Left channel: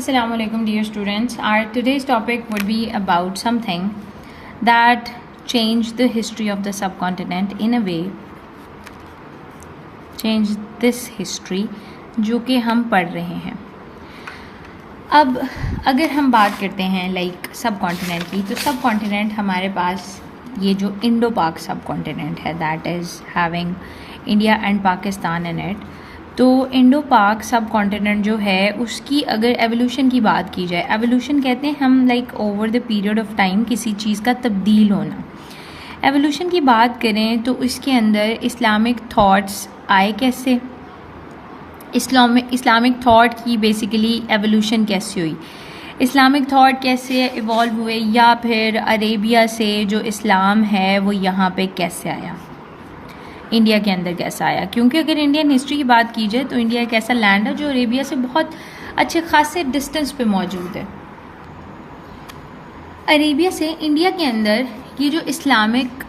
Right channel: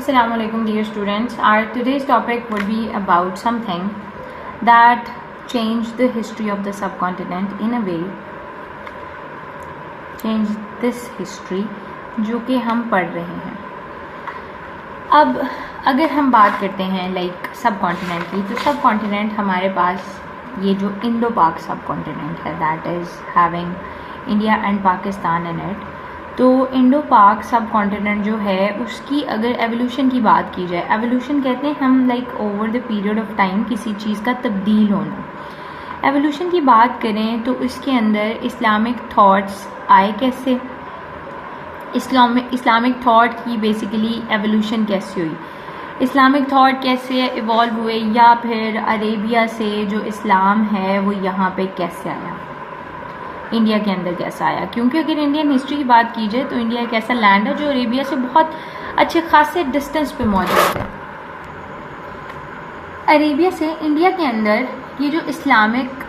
Assalamu alaikum, dear students. Our today's topic would be about something that changed the history of the subcontinent in a way, changed this history जो कि हम पढ़ रहे हैं. अब अगर हम बात करते हैं लाइक सब कॉन्टिनेंट की, तो सब कॉन्टिनेंट हमारे पास ये जो इंडो पाक सब कॉन्टिनेंट है, that is having India and Pakistan in it. तो इंडो पाक सब कॉन्टिनेंट जो है उसकी अगर एवोल्यूशन की बात की जाए, एवोल्यूशन कहते हैं हम like over the period of time किसी चीज़ का तब्दील होना. एवोल्यूशन की बात करें तो इसके अंदर इस्लामिक थॉट्स आए कैसे, इस्लामिक थॉट की बेसिकली एवोल्यूशन कैसे हुई, इस्लामिक थॉट कैसे इवॉल्व हुए, या फिर अरेबिया से जो इस्लाम है वो यहाँ पे कैसे आया, इंडिया के अंदर कैसा आया. क्योंकि अगर इंडियन हिस्ट्री की बात की जाए तो इंडिया एक ऐसा लैंड है जो अरेबिया से बहुत अच्छे खासे डिस्टेंस पे मौजूद है. अरेबिया से इंडिया के अंदर ये जो इस्लामिक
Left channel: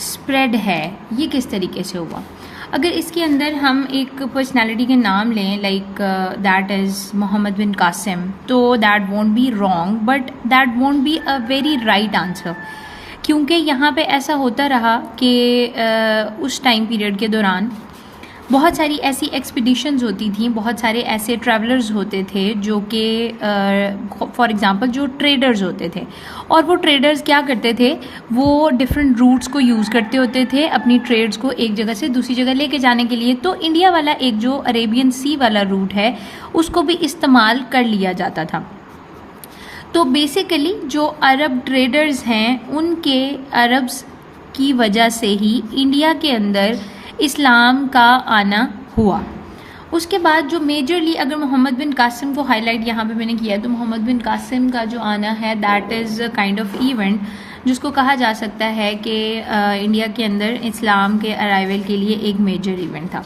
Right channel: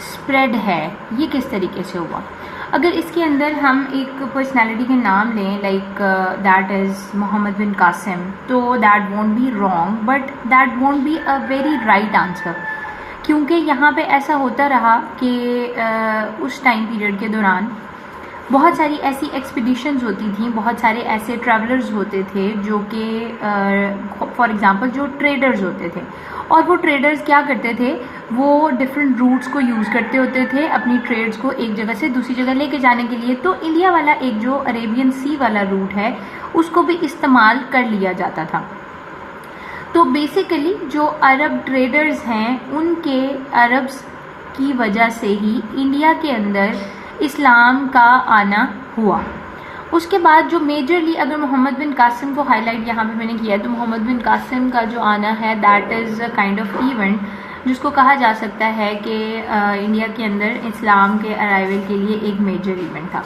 स्प्रेड है ये किस तरीके से हुआ. अगर इसके अंदर हम एक पर्सनालिटी के नाम लें लाइक दैट इज़ मोहम्मद बिन कासिम, तो that won't be wrong but that won't be a very right answer. क्योंकि यहाँ पे ऐसा होता रहा कि उस टाइम पीरियड के दौरान बहुत सारी ऐसी एक्सपीडिशंस होती थी, बहुत सारे ऐसे ट्रैवलर्स होते थे जो कि फॉर एग्जांपल जो ट्रेडर्स होते थे, और वो ट्रेडर्स क्या करते थे, वो डिफरेंट रूट्स को यूज़ करते होते थे अपनी ट्रेड्स को एक जगह से दूसरी जगह लेके जाने के लिए. तो इंडिया वाला एक जो अरेबियन सी वाला रूट है उसको भी इस्तेमाल कर लिया जाता था. तो बेसिकली जो अरब ट्रेडर्स हैं उनके अरब्स की वजह से ही इंडिया के अंदर इस्लाम का आना हुआ. उसके बाद जो मेजरली अगर मोहम्मद बिन कासिम को हाईलाइट यहाँ पे मैंने किया है, तो मोहम्मद बिन कासिम का जो आना है that is kind of event जिसको कहा जा सकता है कि इंडिया के अंदर इस्लाम के अराइवल के लिए एक मेजर इवेंट था.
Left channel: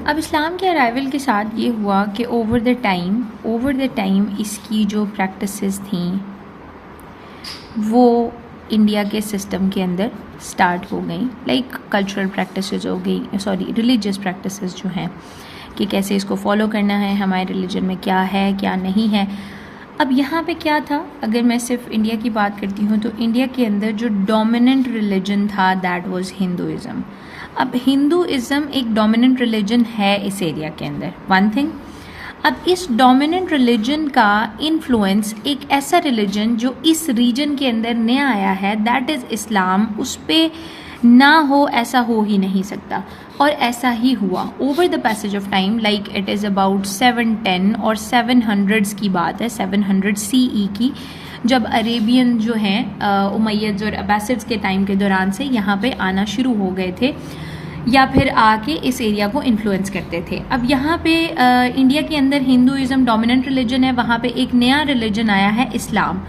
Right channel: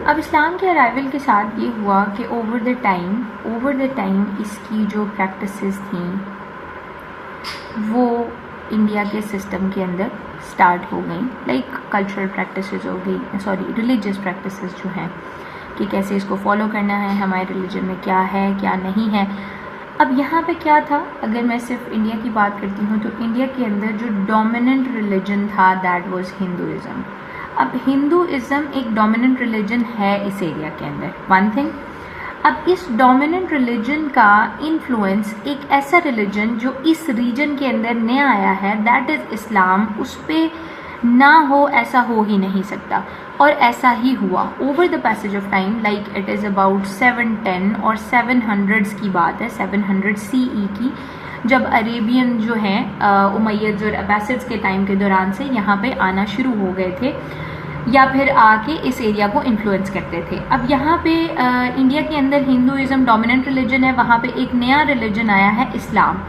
अब इस्लाम के अराइवल के साथ ये हुआ कि ओवर द टाइम इसकी जो प्रैक्टिसेस थी वो इंडिया के सिस्टम के अंदर स्टार्ट हो गई. लाइक कल्चरल प्रैक्टिसेस हो गई, रिलीजियस प्रैक्टिसेस जो हैं कि कैसे इसको फॉलो करना है, हमारे रिलीजन में क्या है क्या नहीं है. अब यहाँ पे क्या था, अगर मैं सिर्फ इंडिया की बात करती हूँ तो इंडिया के अंदर जो डोमिनेंट रिलीजन था दैट वाज हिंदुइज़्म. अब हिंदुइज़्म एक डोमिनेंट रिलीजन है इस एरिया के अंदर, वन थिंग. अब इस डोमिनेंट रिलीजन का इन्फ्लुएंस एक ऐसा रिलीजन जो इस रीजन के अंदर नया आया है दैट इज़ इस्लाम, उस पर ना हो ऐसा हो ही नहीं सकता. और ऐसा ही हुआ over the passage of time. Like it is about 710 और 700s की बात है, 700 CE की, जब अरेबियन जो हैं उमैयद और अब्बासिड्स के टाइम के दौरान से यहाँ पे आना शुरू हो गए थे या फिर आके इस एरिया को इन्फ्लुएंस करते थे. अब यहाँ पे इंडिया के अंदर हिंदुइज़्म डोमिनेंट रिलीजन है, वहाँ पे एक नया रिलीजन आया है इस्लाम.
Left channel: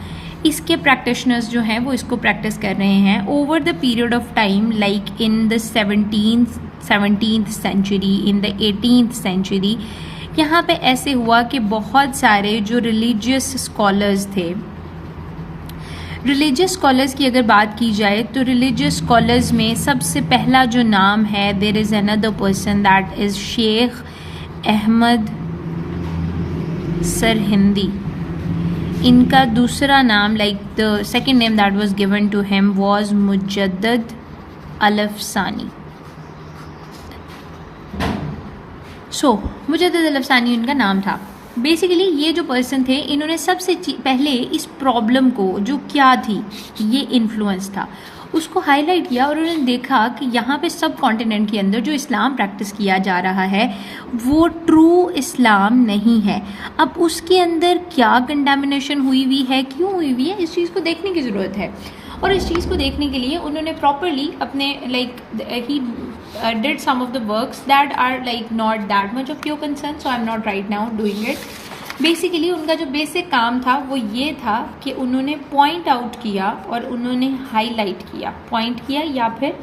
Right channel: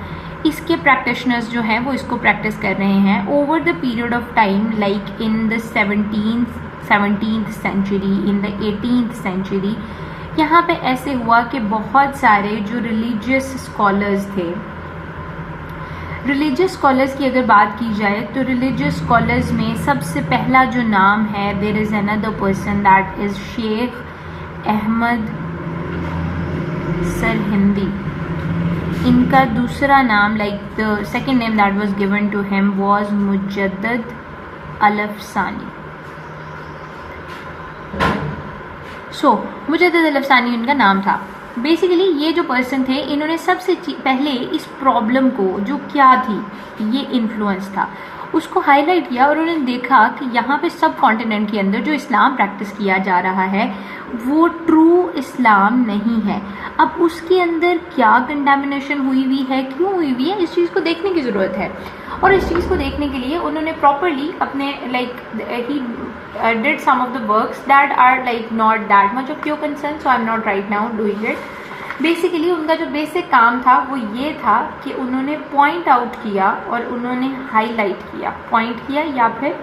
इसके प्रैक्टिशनर्स जो हैं वो इसको प्रैक्टिस कर रहे हैं over the period of time. Like in the 17th century, in the 18th century, यहाँ पे ऐसे हुआ कि बहुत सारे जो रिलीजियस स्कॉलर्स थे, रिलीजियस स्कॉलर्स की अगर बात की जाए तो रिलीजियस स्कॉलर्स में सबसे पहला जो नाम है, there is another person that is Sheikh Ahmad Sirhindi. इनका दूसरा नाम, like the second name that was given to him was Mujaddid Al-Afsani. Mujaddid Al-Afsani उनका नाम था. बेसिकली ये जो पर्सन थे इन्होंने सबसे पहले इस प्रॉब्लम को जो क्या थी, ये इन्फ्लुएंस था, उसको हाईलाइट किया और उन्होंने देखा कि यहाँ पे सब कॉन्टिनेंट के अंदर जो इस्लाम प्रैक्टिस किया जा रहा है वो ट्रू इस्लाम नहीं है. अब उसके अंदर क्या कंटामिनेशन हुई है, क्यों हुई है, इस चीज़ को देखने की ज़रूरत है. और इस चीज़ को देखने के लिए उन्होंने प्रॉपरली अपने like he did some of the works that are like not that much of your concern, so I'm not right now doing it. Basically उनका जो बेसिक काम था वो ये था कि उन्होंने पॉइंट आउट किया और उन्होंने हाईलाइट किया, पॉइंट किया या फिर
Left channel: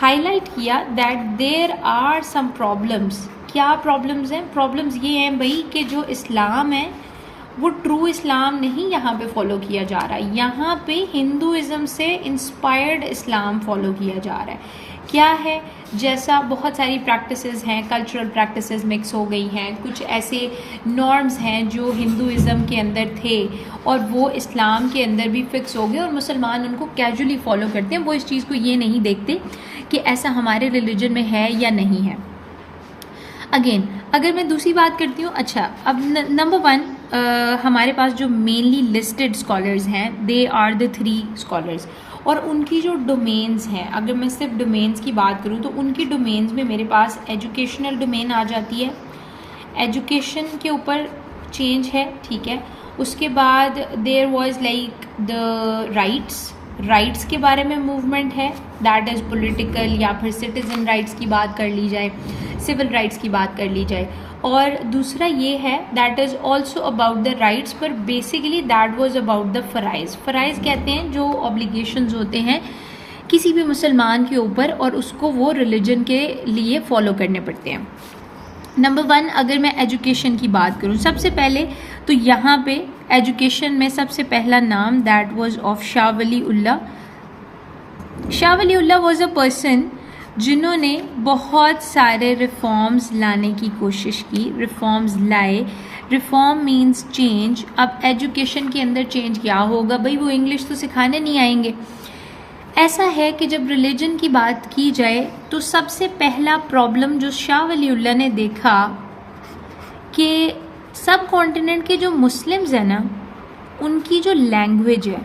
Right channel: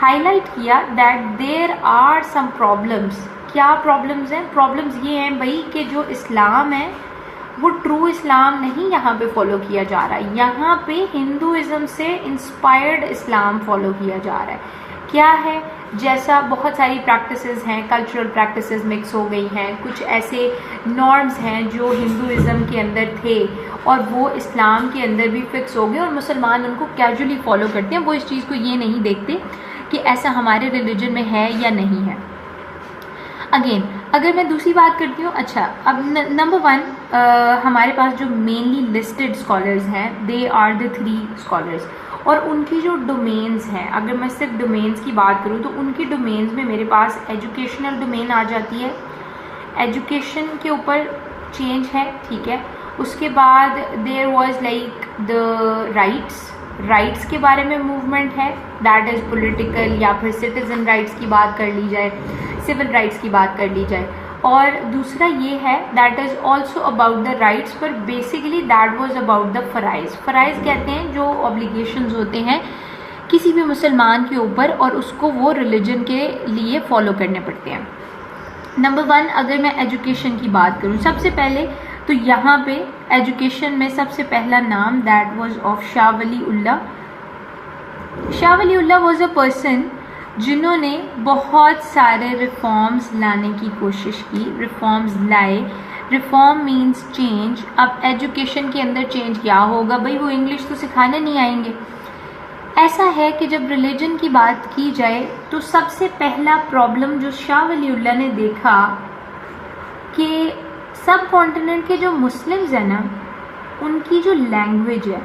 हाईलाइट किया that there are some problems. क्या प्रॉब्लम्स हैं? प्रॉब्लम्स ये हैं भाई कि जो इस्लाम है वो ट्रू इस्लाम नहीं यहाँ पे फॉलो किया जा रहा है, यहाँ पे हिंदुइज़्म से इंस्पायर्ड इस्लाम फॉलो किया जा रहा है. क्या है, जैसा बहुत सारी प्रैक्टिसेस हैं, कल्चरल प्रैक्टिसेस मिक्स हो गई हैं, कुछ ऐसे नॉर्म्स हैं जो हिंदुइज़्म के अंदर थे और वो इस्लाम के अंदर भी फिक्स हो गए और मुसलमान उनको कैजुअली फॉलो करते हैं। वो इस चीज़ को ये नहीं देखते कि ऐसा हमारे रिलीजन में है या नहीं है। अगेन अगर मैं दूसरी बात करती हूँ, अच्छा अब नंबर 1 हमारे पास जो मेनली लिस्टेड स्कॉलर्स हैं, दे आर द 3 स्कॉलर्स, और उनकी जो डोमेन्स हैं, अगर मैं सिर्फ डोमेन्स की बात करूँ तो उनकी डोमेन्स में मेरे पास एजुकेशनल डोमेन आ जाती है, एजुकेशन के ऊपर चेंज है, ठीक है। उसके बाद there was like the rights के बारे में मूवमेंट है, दैट इज़ पॉलिटिकल या फिर सिटीज़न राइट्स की बात कर ली जाए, सिविल राइट्स की बात कर ली जाए। और दूसरा ये है that is also about the rights, पर basically that was about the फ़राइज़। फ़राइज़ कहते हैं जो ऑब्लिगेशंस होते हैं किसी भी मुसलमान के ऊपर और उसको वो रिलीजन के लिए फॉलो करने पड़ते हैं। नंबर 1 अगर मैं एजुकेशन की बात करूँ, सबसे पहले तो यहाँ पे एजुकेशन में सबसे पहला नाम that was of Shah Wali Ullah. Shah Wali Ullah was a person जिन्होंने बहुत सारे रिफॉर्म्स लाने की कोशिश की, रिफॉर्म्स लाए। Reform means change. अब एजुकेशन के अंदर चेंज क्या होगा भाई, वो इंग्लिश तो सिखाने नहीं आएंगे। ऐसा है कि जब रिलीजन की बात की जाए तो सबसे पहला प्रॉब्लम जो शाह वली उल्लाह ने देखा कि सब कॉन्टिनेंट के जो मुस्लिम्स हैं ना, उनकी जो लैंग्वेज है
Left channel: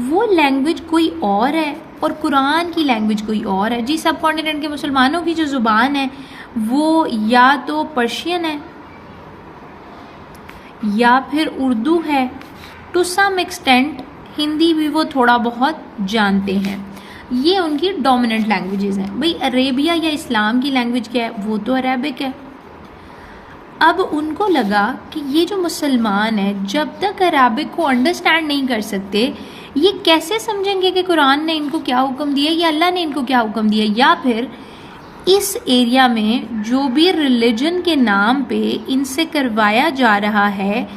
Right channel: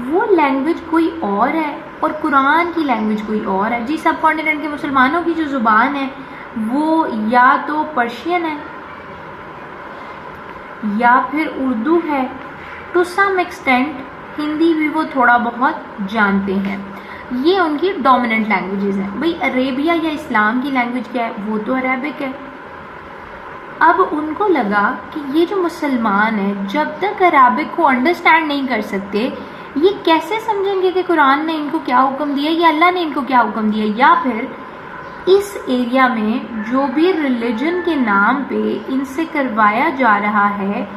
वो लैंग्वेज कोई और है और कुरान की लैंग्वेज कोई और है। जी सब कॉन्टिनेंट के मुसलमानों की जो ज़ुबान है वो या तो पर्शियन है या फिर उर्दू है, टू सम एक्सटेंट हिंदी भी वो थोड़ा बहुत जानते हैं। ये उनकी डोमिनेंट लैंग्वेजेस हैं। भाई अरेबिया या इस्लाम की लैंग्वेज क्या है, वो तो अरेबिक है। अब उनको लगा कि ये जो मुसलमान हैं जब तक अरेबिक को अंडरस्टैंड नहीं कर सकते, ये कैसे समझेंगे कि कुरान ने इनको क्या हुक्म दिया या अल्लाह ने इनको क्या हुक्म दिया, या फिर इस एरिया में जो भी रिलीजन के नाम पे इनसे करवाया जा रहा है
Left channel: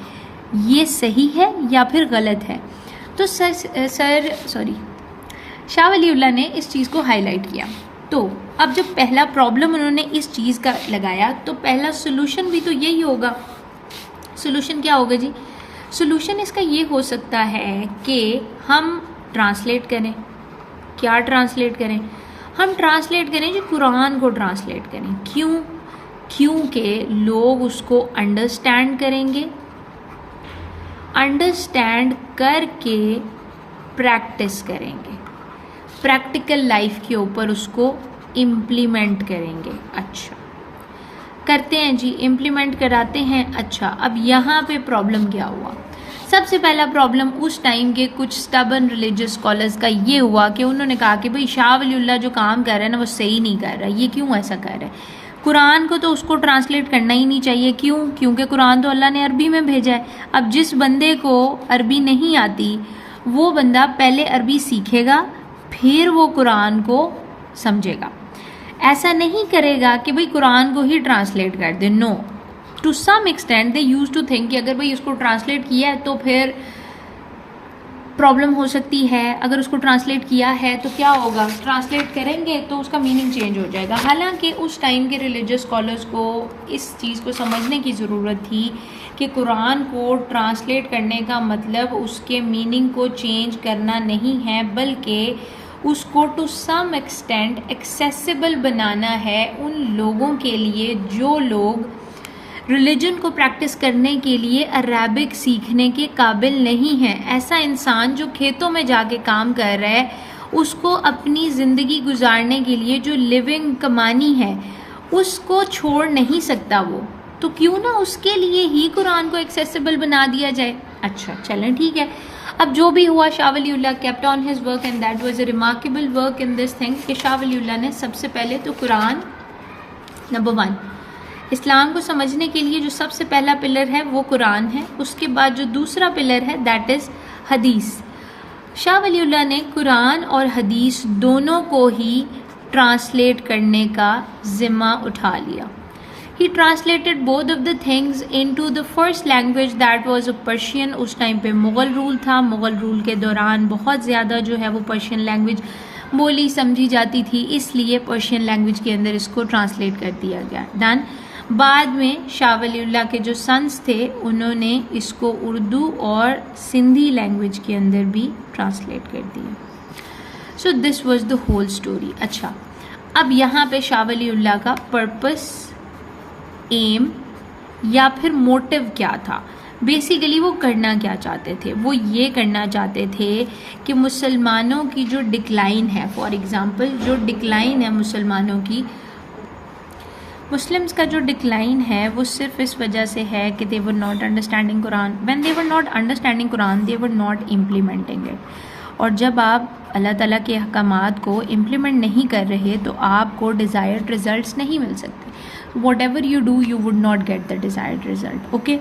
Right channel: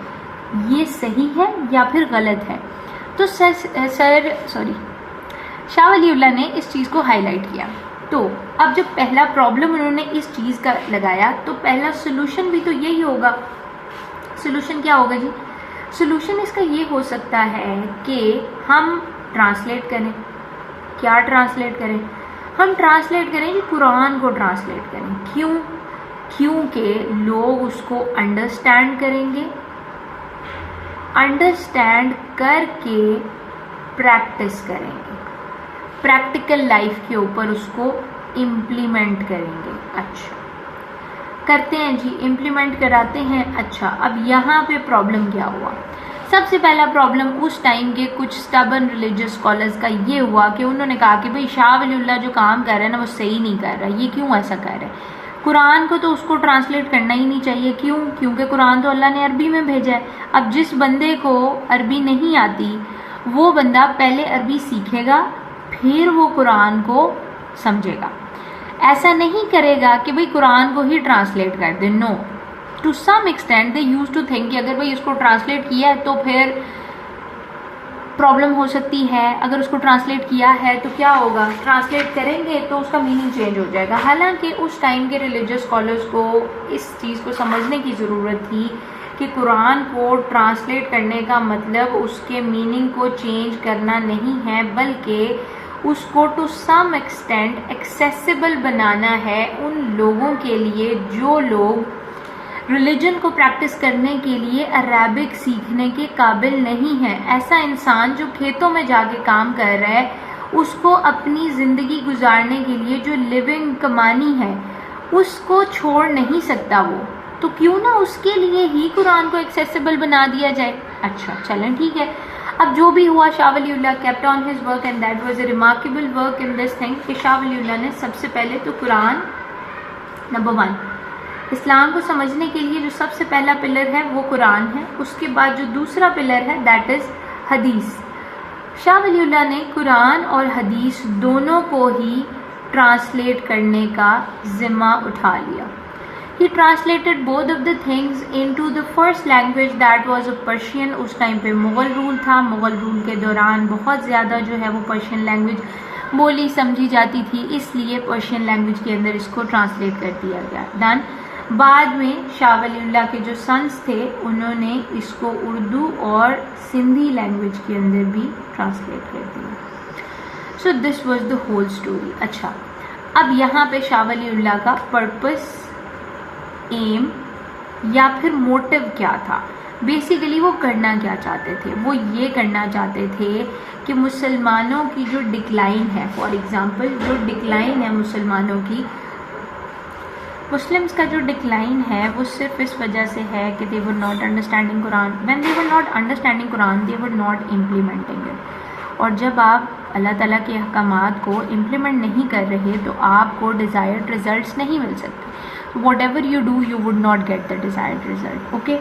ये सही है या फिर गलत है। तो शाह वली उल्लाह ने इस चीज़ को हाईलाइट किया। तो अब जब पहला प्रॉब्लम उन्होंने इस चीज़ का लगाया तो पहला सोल्यूशन भी तो यही होगा। सोल्यूशन क्या होगा जी? सोल्यूशन इसका ये हो सकता है कि हम ट्रांसलेट करें। क्या ट्रांसलेट करें? हम ट्रांसलेट करें जी, कुरान को ट्रांसलेट करें। क्यों? क्योंकि लोग उसको अंडरस्टैंड करेंगे, अंडरस्टैंड करके प्रैक्टिस करेंगे, प्रैक्टिकल लाइफ के ऊपर उसको इम्प्लीमेंट करेंगे। अच्छा करते हैं जी, इम्प्लीमेंट कराते हैं। अच्छा अब यहाँ पे प्रॉब्लम क्या हुआ? सबसे पहला प्रॉब्लम उस टाइम के कुछ स्टबर्न रिलीजियस स्कॉलर्स का ये हुआ कि उन्होंने कहा कि भाई शाह वली उल्लाह जो काम कर रहे हैं ना वो सही नहीं कर रहा। ये क्यों ऐसा कर रहा है? कुरान को तो उसको ट्रांसलेट करना ही नहीं चाहिए। क्यों? क्योंकि कुरान तो अल्लाह ने अरबी में भेजा है। अब जिस बंदे को अरबी नहीं आती वो बंदा पहले अरबी सीखेगा फिर वो कुरान को समझेगा। ऐसा नहीं करेगा कि भाई कुरान को ही ट्रांसलेट कर दे। No, to some extent they used to think कि अगर भाई उसको ट्रांसलेट किया है तो फिर प्रॉब्लम हो सकती है। अगर उसको ट्रांसलेट किया है तो क्या होगा? ट्रांसलेट करेंगे तो उसका मीनिंग चेंज हो जाएगा। हालांकि उस टाइम के रिलीजियस स्कॉलर्स को इस चीज़ को समझने की ज़रूरत थी कि कुरान को ट्रांसलेट करने का मतलब उसके मीनिंग को चेंज करना नहीं है, बल्कि उसको टू सम एक्सटेंट एक्सेसिबल बनाना है उन लोगों के लिए जो लोग रिलीजन को प्रैक्टिस करने के लिए अरेबिक सीखने के काबिल नहीं है। ऐसा इंसान जो खेतों में जाके काम कर रहा है, उसको अपनी ज़िंदगी गुजारने के लिए जो लिविंग कमानी है उसको छोड़ नहीं सकता वो, तो क्यों ना उसके लिए ही कुरान को एक्सेसिबल बना दिया जाए। अच्छा चलें ठीक है। अब जो भी हुआ, Shah Wali Ullah kept on his work and that was a remarkable work in this thing कि शाह वली उल्लाह ने सबसे पहले तो कुरान, नंबर 1 इस्लाम को समझने के लिए जो सबसे पहला पिलर है वो कुरान है। उसके बाद जो दूसरा पिलर है दैट इज़ हदीस। शाह वली उल्लाह ने कुरान और हदीस दोनों को ही ट्रांसलेट करने का ज़िम्मा उठा लिया। He translated both of the things into the first language that was Persian। उस टाइम पे मुग़ल रूल था। मुग़ल रूल के दौरान बहुत ज़्यादा जो है वो पर्शियन लैंग्वेज बोली समझी जाती थी, इसलिए पर्शियन लैंग्वेज के अंदर इसको ट्रांसलेट कर दिया गया। डन। बाद में शाह वलीउल्लाह के जो सन्स थे उन्होंने इसको उर्दू और सिंधी लैंग्वेज के अंदर भी ट्रांसलेट कर दिया। So this was the whole story. अच्छा, अब यहाँ पे शाह वलीउल्लाह का पर्पस, एम या फिर मोटिव क्या था? बेसिकली वो करना क्या चाहते थे? वो ये करना चाहते थे कि मुसलमानों की जो डिक्लाइन है, फॉर एग्ज़ाम्पल जो डिक्लाइन है मुसलमानों की, मुस्लिम्स का जो डिक्लाइन है वो सिर्फ इस वजह से है कि they were not understanding Quran. When they were not understanding Quran they were not implementing it. और जब आप अल्लाह ताला के अहकामात को इम्प्लीमेंट नहीं कर रहे तो आपको डिज़ायर्ड रिजल्ट्स नहीं मिल सकते। whatever you do you would not get the desired result. Okay,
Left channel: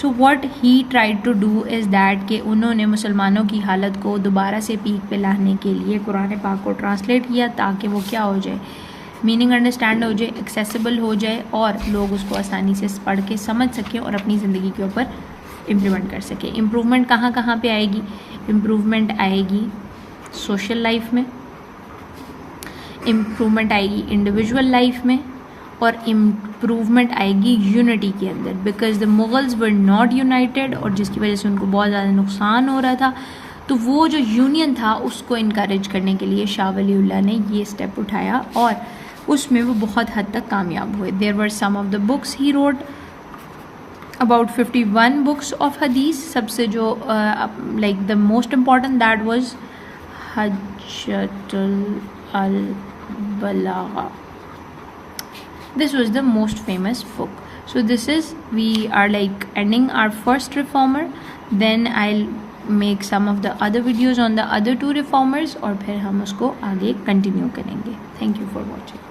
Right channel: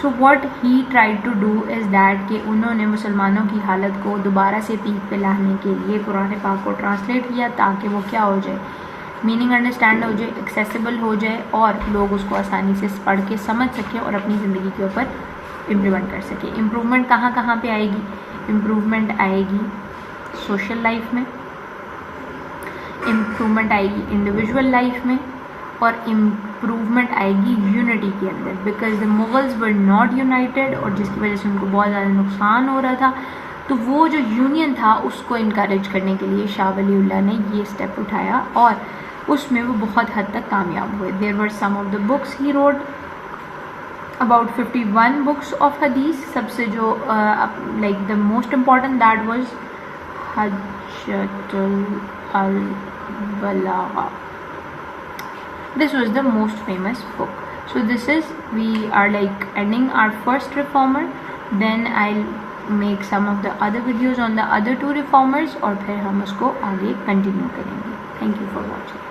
so what he tried to do is that कि उन्होंने मुसलमानों की हालत को दोबारा से पीक पे लाने के लिए कुरान पाक को ट्रांसलेट किया ताकि वो क्या हो जाए, मीनिंग अंडरस्टैंड हो जाए, एक्सेसिबल हो जाए और लोग उसको आसानी से पढ़ के समझ सकें और अपनी ज़िंदगी के ऊपर इम्प्लीमेंट कर सकें। इम्प्रूवमेंट कहाँ कहाँ पे आएगी? इम्प्रूवमेंट आएगी सोशल लाइफ में, इम्प्रूवमेंट आएगी इंडिविजुअल लाइफ में, और इम्प्रूवमेंट आएगी यूनिटी के अंदर, because the Mughals were not United और जिसकी वजह से उनको बहुत ज़्यादा नुकसान हो रहा था। तो वो जो यूनियन था उसको इनकरेज करने के लिए शाह वलीउल्लाह ने ये स्टेप उठाया और उसमें वो बहुत हद तक कामयाब हुए। There were some of the books he wrote, about 51 books of hadith. सबसे जो like the most important that was Hujjatul Baligha. This was the most famous book. So this is, we are like ending our first reformer, then I'll make some of the other videos on the other two reformers और फिर हम उसको आगे continue करेंगे. Thank you for watching.